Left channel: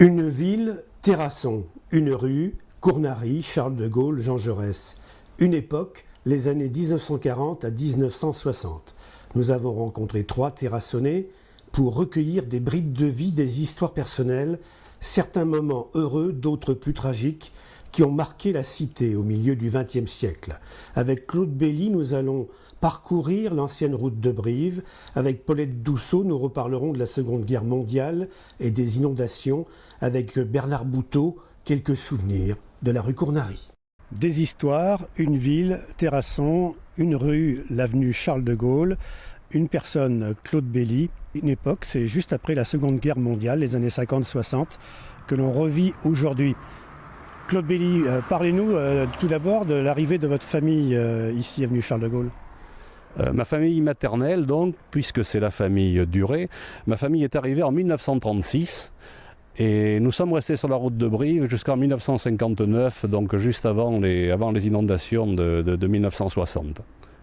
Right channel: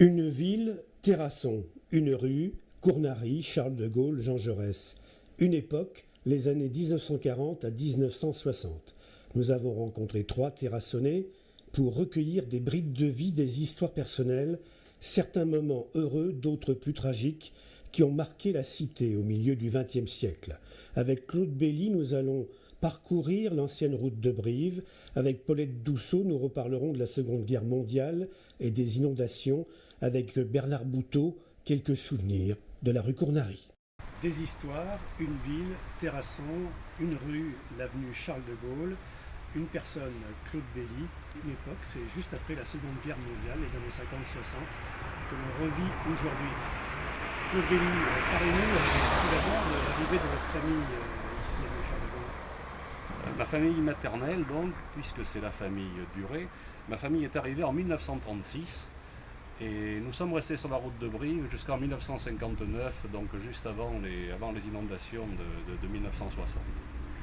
Une ville, Terrasson. Une rue, Cournary, Charles de Gaulle, Jean Jaurès. Une époque, les années 1940 à 1960. Nous avons rencontré 3 Terrassonnais pour recueillir des bribes de vie, des histoires personnelles, certains moments heureux, d'autres plus tragiques, qui ont marqué la cité au milieu du XXe siècle. Avec Claude Belly, nous allons parcourir l'ancienne route de Brive. Avec Paulette Dousseau, nous reparlerons de la Seconde Guerre mondiale et des inondations. Avec Bernard Bouteau, quelques souvenirs de la rue Cournary. Des histoires, une ville, Terrasson, une rue, l'avenue Charles de Gaulle, une personne, Claude Belly. Une époque, c'est juste après la Seconde Guerre mondiale, les années 50-60, que l'on revit aujourd'hui. Claude Belly, parlez-nous tout d'abord de l'arrivée de votre famille ici, avenue Charles de Gaulle. Ma famille maternelle, donc, puisque c'est la famille Duret, ma famille est arrivée en 1936 et nous sommes restés sur la route de Brive jusqu'en 1959, donc juste avant les inondations de 1960.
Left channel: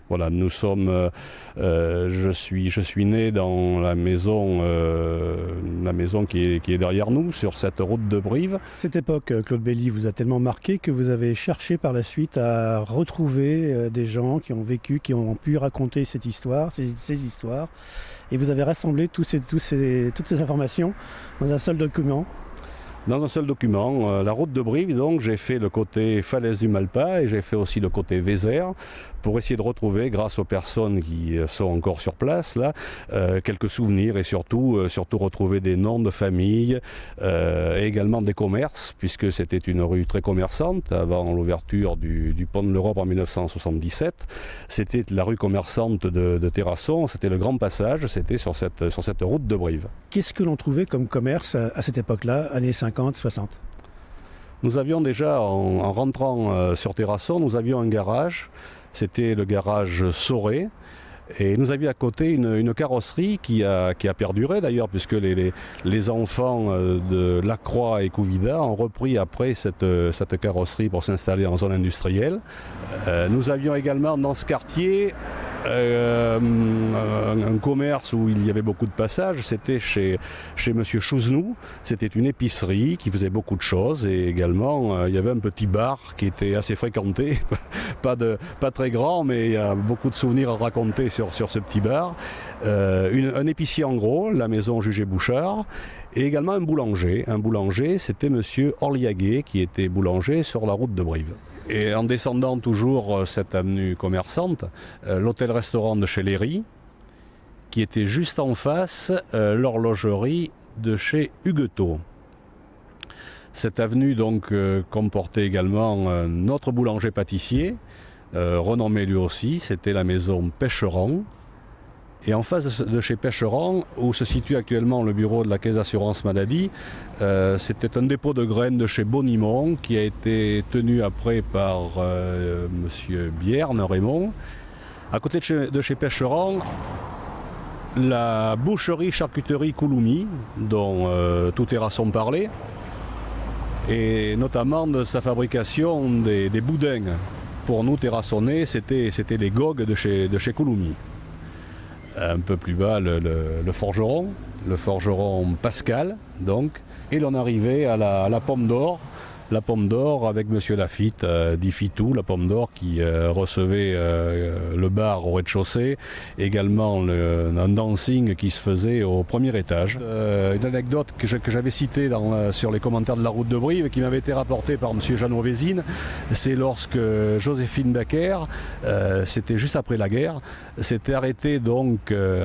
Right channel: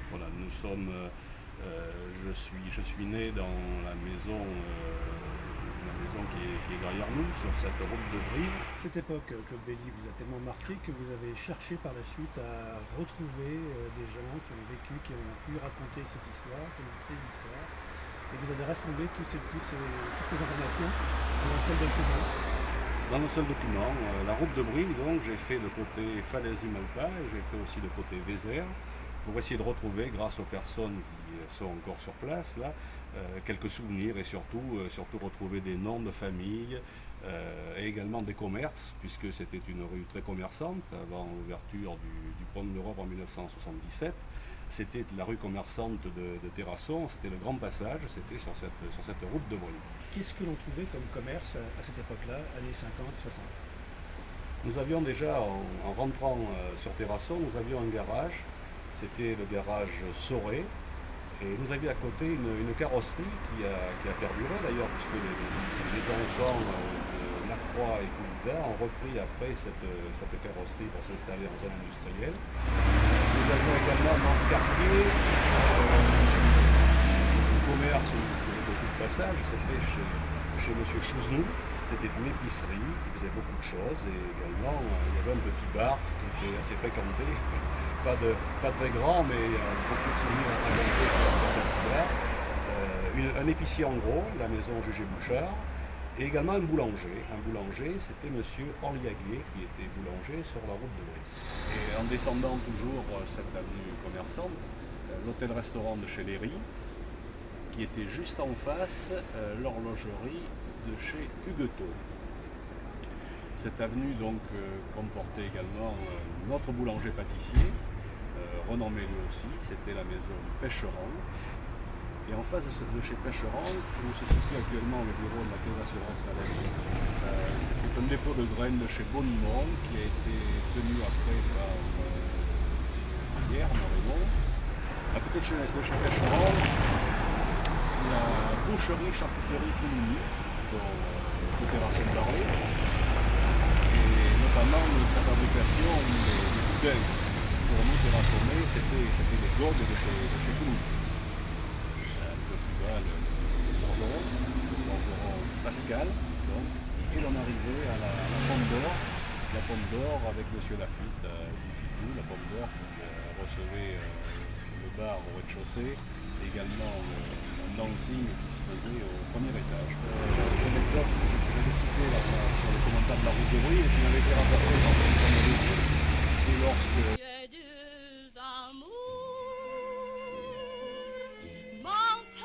Voilà, nous sommes. Je suis né dans la maison qui est derrière nous, sur cette route de Brive. Cette époque, Claude Belly, vous a tellement marqué que vous avez cherché par la suite à retrouver des gens qui ont vécu, qui ont pu raconter cette histoire, ces histoires. Et vous avez rassemblé toutes ces informations dans un seul document. Dans un seul document, la route de Brive, donc j'ai fait le côté falaise du Malpas et j'ai fait aussi le côté Vézère pour essayer de retrouver, grâce aux personnes qui sont encore sur place là, quelques souvenirs et surtout retrouver des noms de famille et également des commerces, puisque c'était une rue très commerçante avant l'ouverture du pont de l'Europe en 1977. C'était la rue commerçante de Terrasson, c'était le grand passage, c'était sur cette route de Brive. Qu'est-ce que l'on trouvait comme commerce à cette époque-là, années 50, 60 ? Nous avions déjà, en rentrant sur Terrasson, nous avions un garage. C'était le garage Soré. Et nous avions à côté une carrosserie qui a perduré d'ailleurs, puisque les enfants de Lacroix et Couvida ont repris après cette carrosserie pour s'installer en zone industrielle. Nous avions également dans ce quartier un commerce où il y avait beaucoup de passages, c'était chez Monsieur Chouznou. C'était une épicerie qui faisait beaucoup de choses et également il y avait un petit bar qui était assez fréquenté, pas très grand, mais il y a beaucoup de souvenirs à raconter sur ce petit bar. Un épicier en gros, la maison Jugé-Bouchard, et également un boulanger. Un boulanger, c'était Monsieur Orliaguet qui était boulanger sur la route de Brive. Et en descendant toujours cette avenue commerçante, l'hôtel-restaurant de chez Léry, qui était juste en face l'horlogerie de chez Huguetot. Cette avenue donc comportait également notre boulanger-pâtissier, renommé lui aussi, c'était la maison Pêcheron. Et en face de chez Pêcheron, où se situe actuellement le bureau de la Caisse d'assurance maladie, c'était un dépôt de graines de chez Bonimont qui a été tenu après par monsieur Bierne, Raymond. À côté de chez Pêcheron, la boucherie-charcuterie Couloumi, dont tout Terrasson parlait, et notamment de sa fabrication des boudins. Pour nous, Terrassonnais, c'était les gogues de chez Couloumi. Un peu plus bas, le forgeron Pascal, donc, et l'on arrivait à la Pomme d'Or. La Pomme d'Or avec Monsieur Lafitte, dit Fitou, la Pomme d'Or qui recevait le bar au rez-de-chaussée, également un dancing qui se faisait au premier étage. Une anecdote que j'avais citée sur les commentaires de la route de Brive et qui m'avait été rapportée par Monsieur Jeannot Vézine, c'est lorsque Joséphine Baker, c'était juste après la guerre, s'était arrêtée donc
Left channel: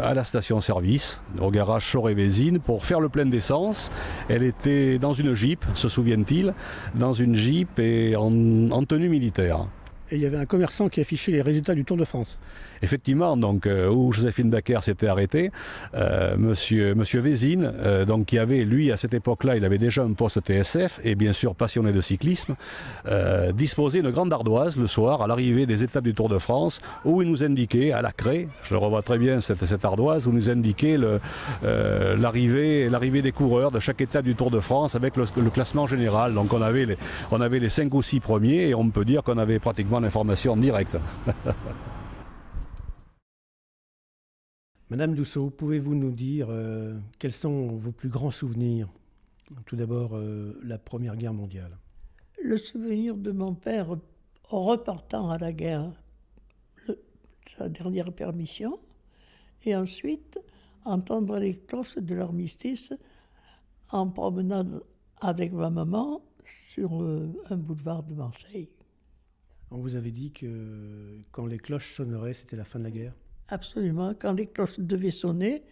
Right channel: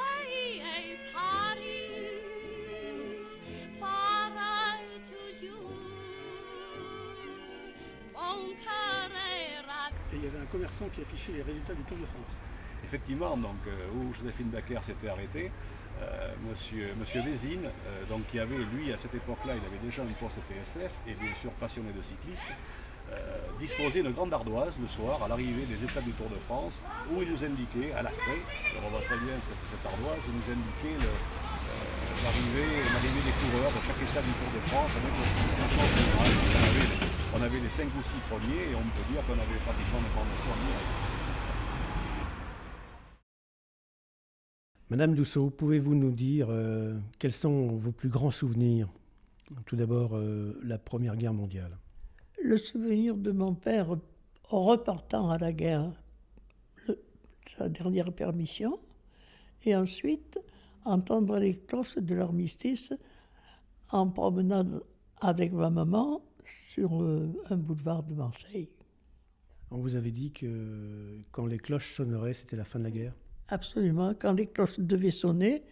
à la station-service, au garage Soré-Vézine, pour faire le plein d'essence. Elle était dans une Jeep, se souvient-il, dans une Jeep et en tenue militaire. Et il y avait un commerçant qui affichait les résultats du Tour de France. Effectivement, donc où Joséphine Baker s'était arrêtée, monsieur Vézine, donc qui avait, lui, à cette époque-là, il avait déjà un poste TSF et bien sûr passionné de cyclisme, disposait d'une grande ardoise le soir à l'arrivée des étapes du Tour de France, où il nous indiquait à la craie, je le revois très bien cette ardoise, où nous indiquait l'arrivée des coureurs de chaque étape du Tour de France avec le classement général. Donc on avait les 5 ou 6 premiers et on peut dire qu'on avait pratiquement l'information en direct. Madame Dousseau, pouvez-vous nous dire quels sont vos plus grands souvenirs Tout d'abord, la Première Guerre mondiale. Le souvenir de mon père repartant à la guerre, sa dernière permission, et ensuite entendre les cloches de l'armistice en promenade avec ma maman sur un boulevard de Marseille. On vous avait dit que quand les cloches sonneraient, c'était la fin de la guerre? Absolument. Quand les cloches devaient sonner,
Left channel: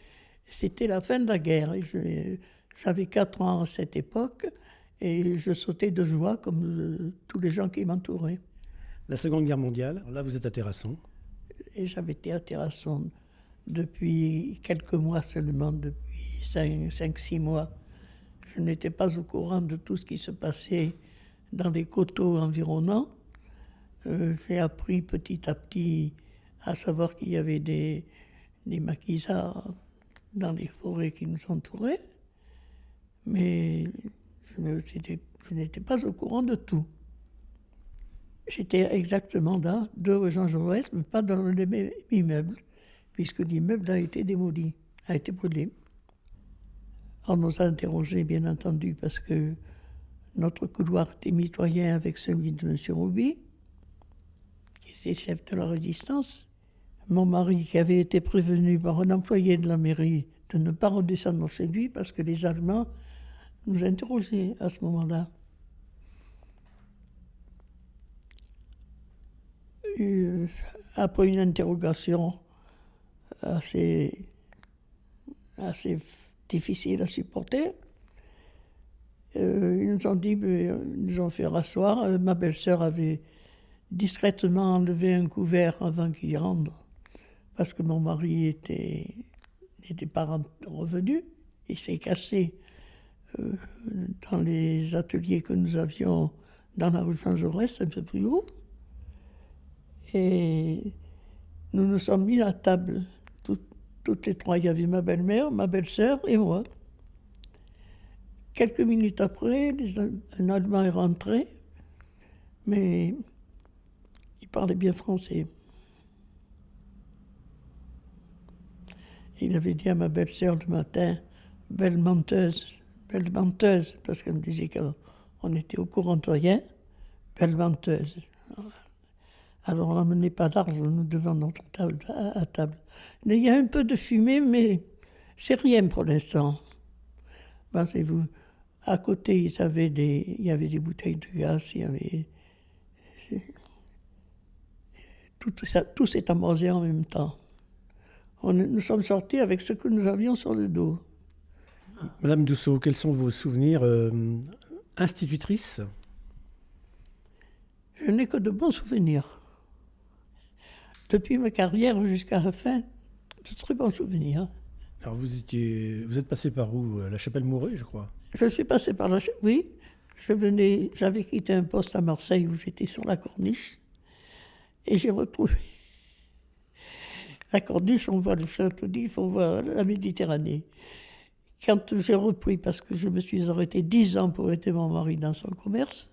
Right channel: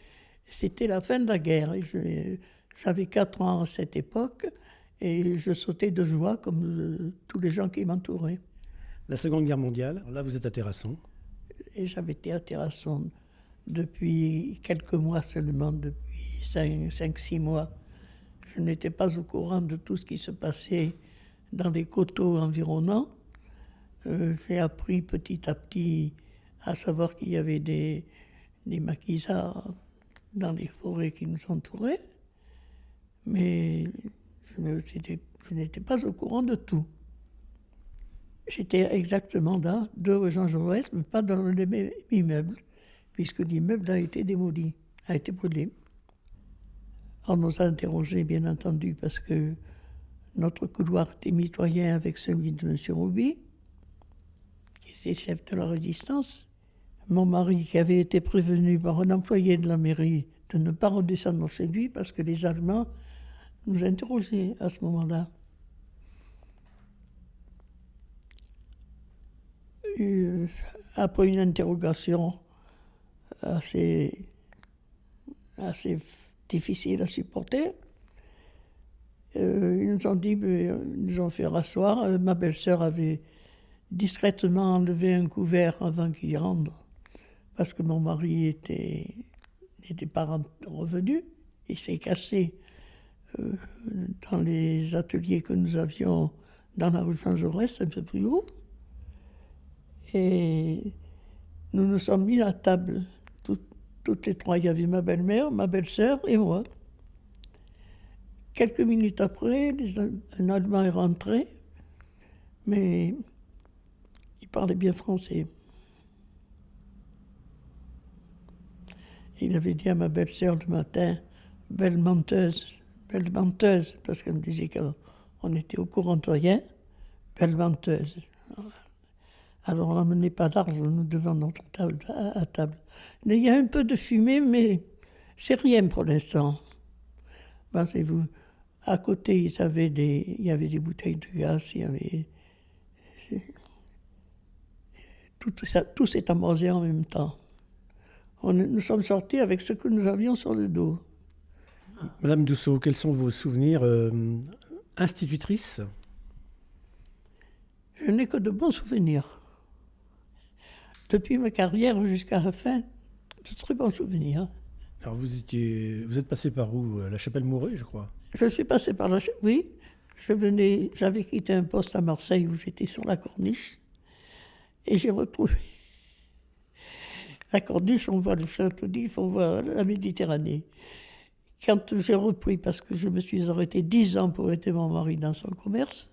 c'était la fin de la guerre. J'avais 4 ans à cette époque et je sautais de joie comme tous les gens qui m'entouraient. La Seconde Guerre mondiale, là vous êtes à Terrasson. Et j'avais été à Terrasson depuis quelques mois seulement, depuis 5-6 mois. Je n'étais pas au courant de tout ce qui se passait dans les coteaux environnants. J'ai appris petit à petit à savoir qu'il y avait des maquisards dans les forêts qui nous entouraient, mais je n'étais pas au courant de tout. J'étais exactement là, de rue Jean Jaurès, mais pas dans le même immeuble, puisque l'immeuble a été démoli, a été brûlé. On nous a interrogés, bien entendu, parce que notre couloir était mitoyen avec celui de M. Rouby, qui était chef de la résistance. Mon mari, qui avait été prévenu par un employé de la mairie de ne pas redescendre chez lui parce que les Allemands nous interrogeaient à ce moment-là. Après une interrogation assez difficile à supporter, ils nous ont dit, ils nous ont fait rasseoir. Ma belle-sœur avait discrètement enlevé un couvert avant qu'il rentre, parce que mon mari n'était pas revenu. Il s'est caché dans les ateliers que nous avions dans la rue Jean Jaurès, un peu plus haut. Et nous nous sommes mis à table, toutes les trois. Il y avait ma belle-mère, ma belle-sœur et moi. Quelques minutes après, un Allemand est rentré, mais il parlait bien français. Il avait dit à ma belle-sœur le matin, belle menteuse, parce qu'elle me disait qu'on était au courant de rien, belle menteuse. Alors on n'emmenait pas d'argent, nous devant notre table, à table. Il y a un peu de fumée, mais c'est rien pour l'instant. Pensez-vous, à côté, il y avait des bouteilles de gaz, il y avait... Tout s'est embrasé en même temps. Nous sommes sortis avec ce que nous avions sur le dos. Madame Douceau, quels sont vos souvenirs institutrices? Je n'ai que de bons souvenirs. Depuis ma carrière jusqu'à la fin, de très bons souvenirs. Alors vous êtes passé par où? La Chapelle-Mouret, je crois. Je suis passé par la... Oui, j'avais quitté un poste à Marseille où j'étais sur la Corniche et j'ai retrouvé la Corniche, on voit le Château d'If, on voit la Méditerranée. Quand j'ai repris, parce que je me suis arrêté 10 ans pour aider mon mari dans son commerce,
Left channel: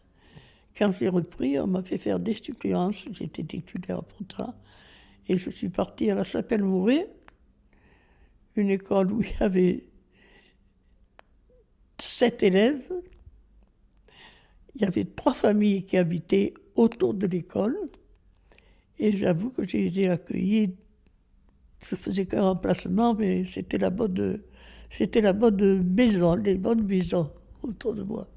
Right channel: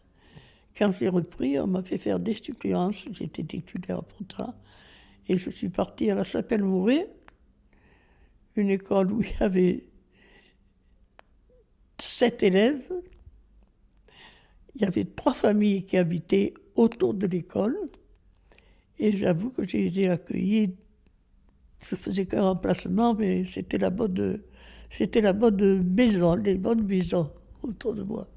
quand j'ai repris, on m'a fait faire des suppléances, j'étais titulaire pour ça, et je suis parti à la Chapelle-Mouret, une école où il y avait 7 élèves. Il y avait 3 familles qui habitaient autour de l'école. Et j'avoue que j'ai été accueilli. Je faisais qu'un remplacement, mais c'était la bonne maison, les bonnes maisons autour de moi.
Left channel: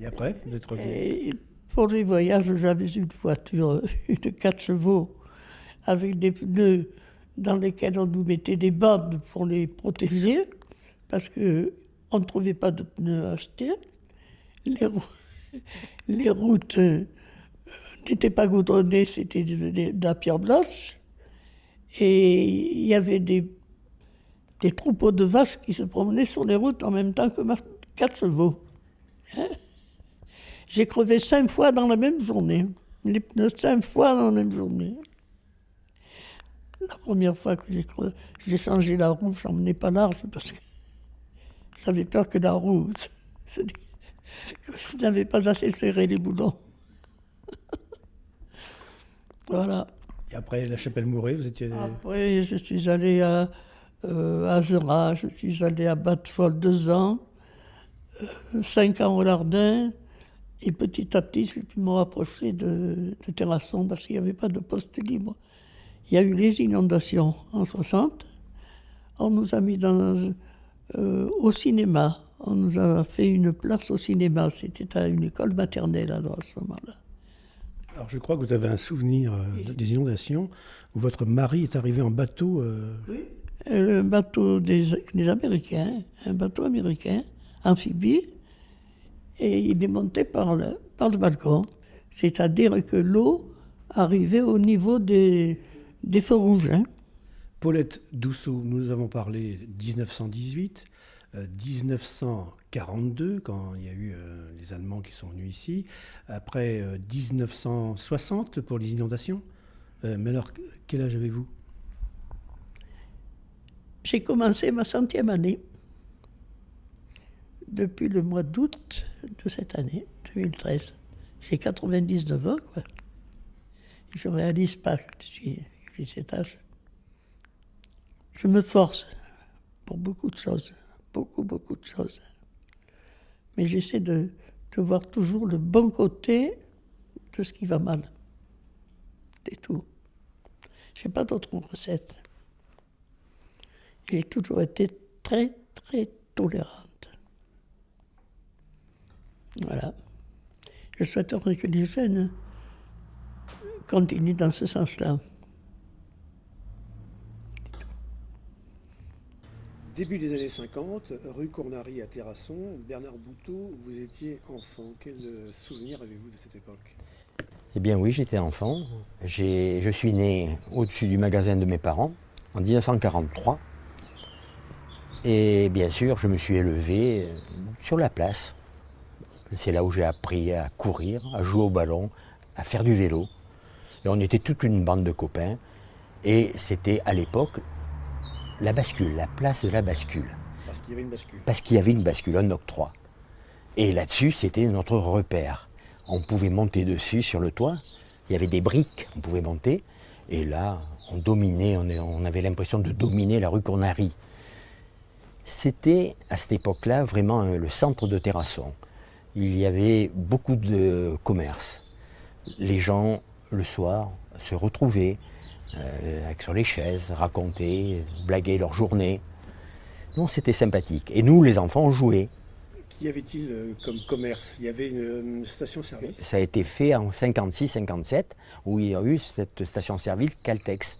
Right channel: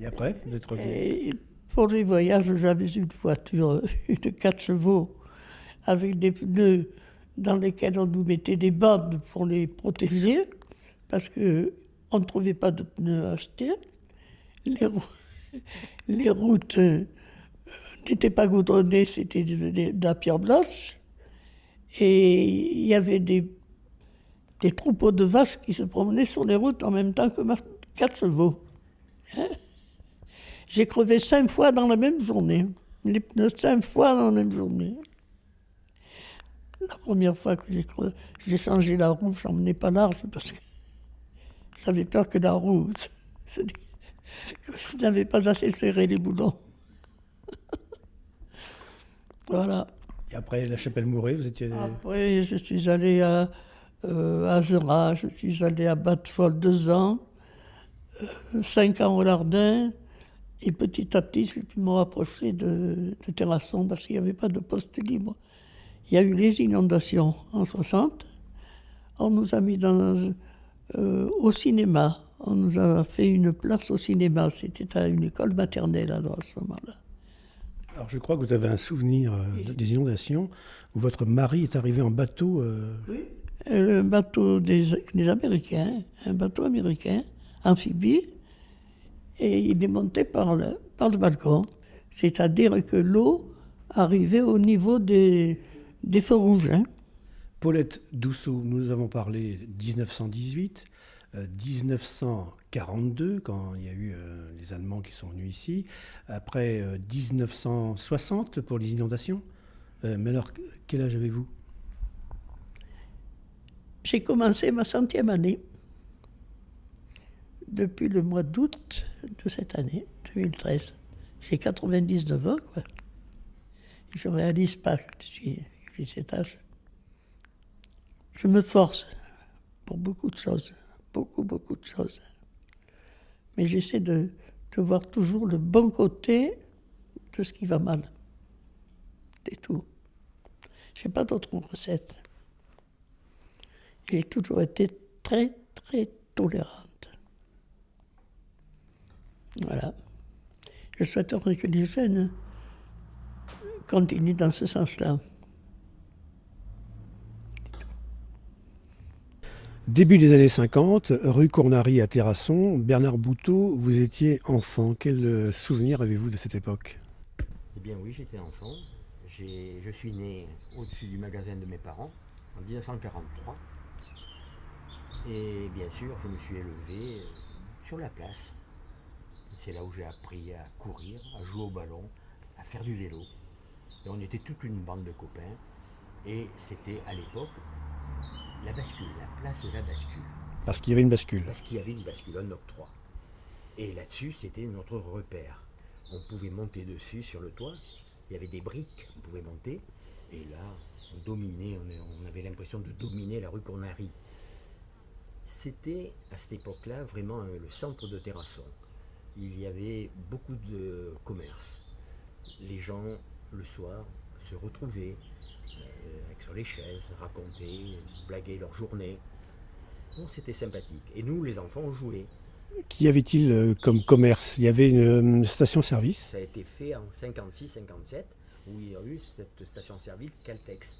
Et après, vous êtes revenu? Et pour les voyages, j'avais une voiture, une 4 chevaux, avec des pneus dans lesquels on nous mettait des bandes pour les protéger, parce qu'on ne trouvait pas de pneus à acheter. Les routes n'étaient pas goudronnées, c'était de la pierre blanche. Et il y avait des troupeaux de vaches qui se promenaient sur les routes en même temps que ma 4 chevaux. Hein? J'ai crevé 5 fois dans la même journée. Les pneus 5 fois dans la même journée. La première fois que j'ai changé la roue, je n'emmenais pas large parce que j'avais peur que la roue... Je n'avais pas assez serré les boulons. Voilà. Et après la Chapelle-Mouret, vous étiez... Après, je suis allé à Azera, je suis allé à Batfol 2 ans, 5 ans au Lardin, et petit à petit, j'ai pu me rapprocher de Terrasson parce qu'il n'y avait pas de poste libre. Il y a eu les inondations en 60. On nous a mis au cinéma. On nous a fait une place au cinéma. C'était à une école maternelle à ce moment-là. Alors je crois que vous avez un souvenir des inondations où votre mari est arrivé en bateau. Oui. Un bateau des Américains, un bateau américain, amphibie, et il est monté par le balcon. C'est-à-dire que l'eau arrivait au niveau des feux rouges. Paulette Dousseau, nous avons parlé 1918, 1942, quand il y a eu les Allemands qui sont venus ici, après 1960 pour les inondations. Mais alors, quel âge avez-vous? J'ai commencé ma 100e année depuis le mois d'août de cette année, 2013. J'ai 99 ans, quoi. Je ne réalise pas que j'ai cet âge. Je me force pour beaucoup de choses, beaucoup de choses. Mais j'essaie de voir toujours le bon côté de ce qui va mal. C'est tout. Je n'ai pas d'autre recette. J'ai toujours été très tolérante. Voilà. Je souhaiterais que les jeunes continuent dans ce sens-là. Début des années 50, rue Cournary à Terrasson, Bernard Bouteau, vous étiez enfant. Quel souvenir avez-vous de cette époque? Eh bien oui, j'étais enfant. Je suis né au-dessus du magasin de mes parents en 1943. Et bien sûr, je me suis élevé sur la place. C'est là où j'ai appris à courir, à jouer au ballon, à faire du vélo. Et on était toute une bande de copains. Et c'était à l'époque la bascule, la place de la bascule. Parce qu'il y avait une bascule. Parce qu'il y avait une bascule, un octroi. Et là-dessus, c'était notre repère. On pouvait monter dessus sur le toit. Il y avait des briques, on pouvait monter. Et là, on dominait, on avait l'impression de dominer la rue Cournary. C'était à cette époque-là vraiment le centre de Terrasson. Il y avait beaucoup de commerces. Les gens, le soir, se retrouvaient sur les chaises, racontaient, blaguaient leur journée. Non, c'était sympathique. Et nous, les enfants, on jouait. Qu'y avait-il comme commerce? Il y avait une station-service? Ça a été fait en 56-57, où il y a eu cette station-service Caltex,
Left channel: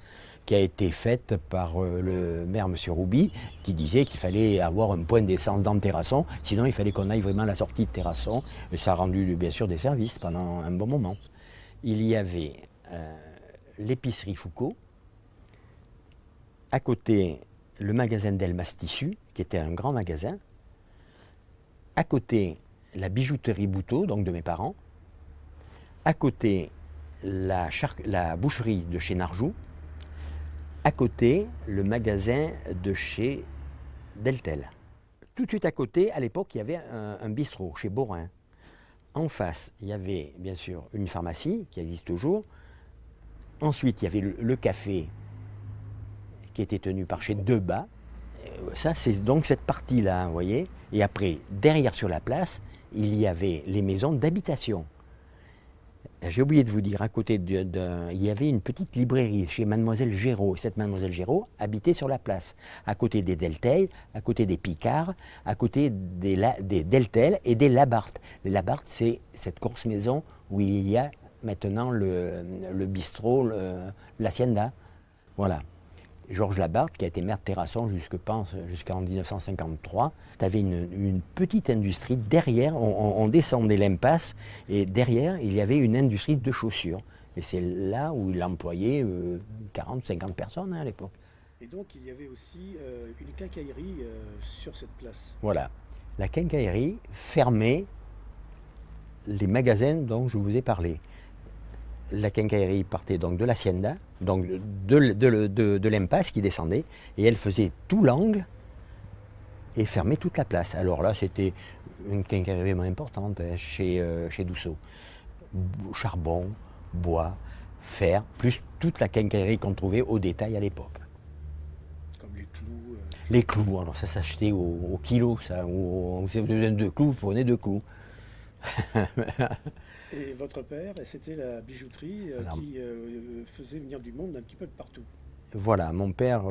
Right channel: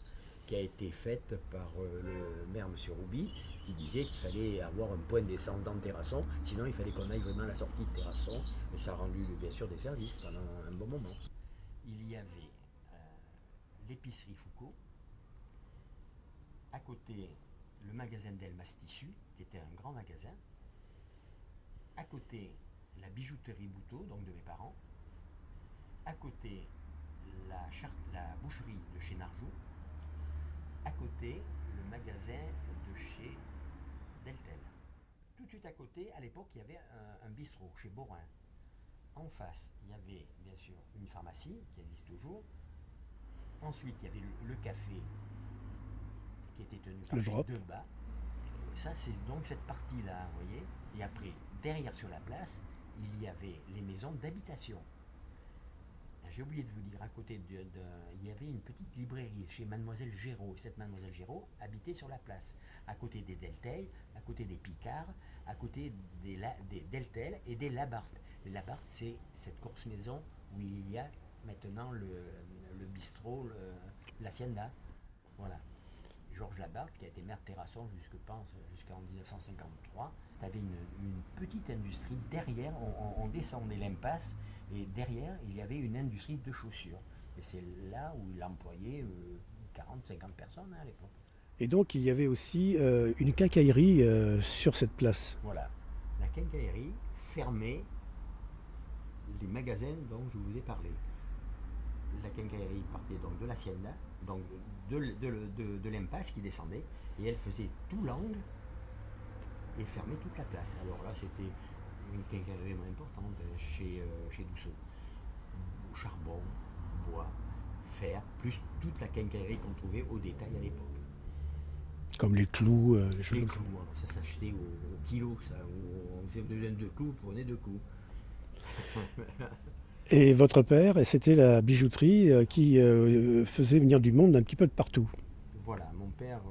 qui a été faite par le maire, M. Rouby, qui disait qu'il fallait avoir un point d'essence dans Terrasson, sinon il fallait qu'on aille vraiment à la sortie de Terrasson. Et ça a rendu bien sûr des services pendant un bon moment. Il y avait l'épicerie Foucault, à côté le magasin d'Elmas Tissu, qui était un grand magasin, à côté la bijouterie Bouteau, donc de mes parents, à côté la boucherie de chez Narjou, à côté le magasin de chez Deltel. Tout de suite à côté, à l'époque, il y avait un bistrot chez Borin. En face, il y avait bien sûr une pharmacie qui existe toujours. Ensuite, il y avait le café qui était tenu par chez Debat. Ça, c'est donc cette partie-là, vous voyez. Et après, derrière sur la place, il y avait les maisons d'habitation. J'ai oublié de vous dire, à côté il y avait une petite librairie chez Mademoiselle Géraud. Cette Mademoiselle Géraud habitait sur la place, à côté des Deltel, à côté des Picard, à côté des Deltel et des Labarthe. Les Labarthe, c'est cette course maison où il y a maintenant le bistrot, l'Hacienda. Voilà. Georges Labarthe, qui a été maire de Terrasson jusqu'en 1953, tu avais une petite industrie derrière, on descendait l'impasse, et derrière, il y avait une industrie de chaussures. Et c'est là où il employait 40-50 personnes à l'époque. Et donc, il y avait aussi une quincaillerie sur cette place. Voilà. La quincaillerie fermait les magasins dont je vous ai parlé. La quincaillerie partait donc de l'Hacienda, donc de l'impasse qui descendait, et elle faisait tout l'angle et fermait toute la place. Alors là, c'était une quincaillerie vraiment importante chez Dousseau. Charbon, bois, fer, plus toute la quincaillerie qu'on trouvait au détail à l'époque. Comme les clous. Les clous, alors ça s'achetait au kilo, ça. Vous avez besoin de 2 clous, vous prenez 2 clous. Et votre père, c'était la bijouterie Non. qui faisait venir du monde un petit peu de partout. Voilà, mon père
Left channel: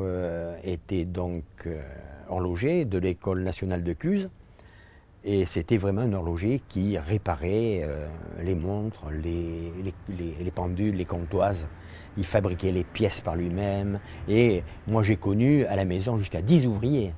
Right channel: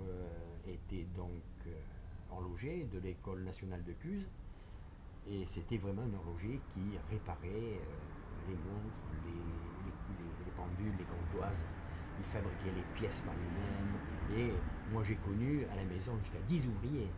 était donc horloger de l'école nationale de Cluse. Et c'était vraiment un horloger qui réparait les montres, les pendules, les comptoises. Il fabriquait les pièces par lui-même. Et moi, j'ai connu à la maison jusqu'à 10 ouvriers.